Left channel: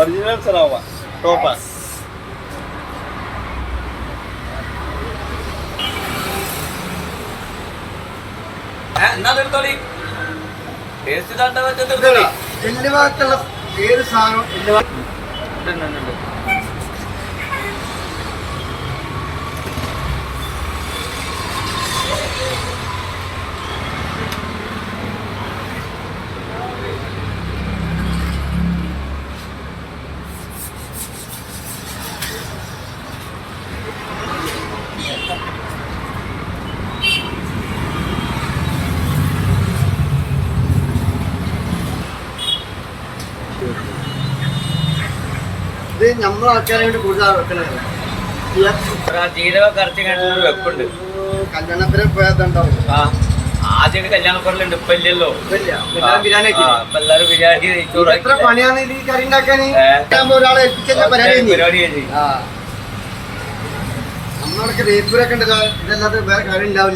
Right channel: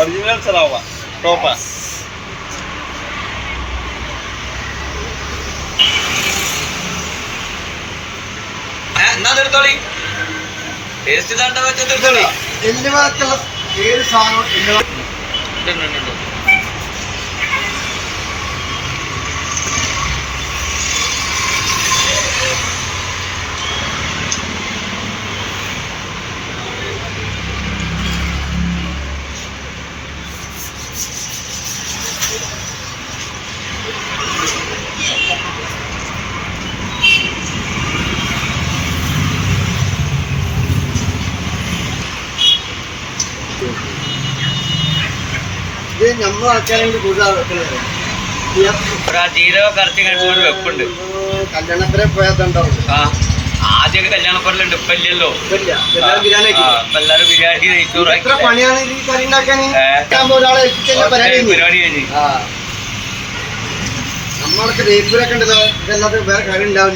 Original സറാവ ടോപ്പാ. എന്നാ taste തണ്ട വെച്ചെടുത്തോളി. എല്ല് ഭാഗത്തുള്ള ഏത് സാധനം ഇത് നമ്മൾ ആൾക്കാരെ വേണ്ടി കൂടുതൽ വെക്കണത്. ജീരക കറച്ച് കണ്ടിട്ട് വെപ്പുണ്ട്. കല്യാണത്തിനെ പോയാത്തുണ്ടാവും. ആദ്യമൊക്കെ കല്യാണപ്പറലുണ്ട്, ഇപ്പൊ ഇല്ലല്ലോ. ബിരിയാണി എല്ലാരും ബിരിയാണി എത്ര പണിയാണ് ഈ കറി ഉണ്ടാക്കാൻ. ഒരാളെ ഏൽപ്പിച്ച പരിപാടി കഴിഞ്ഞു. നമ്മളൊക്കെ വേപ്പൂരൊക്കെ ഉണ്ടല്ലോ, ഇതല്ലാതെ വേറെ കറി ഉണ്ടാവില്ല.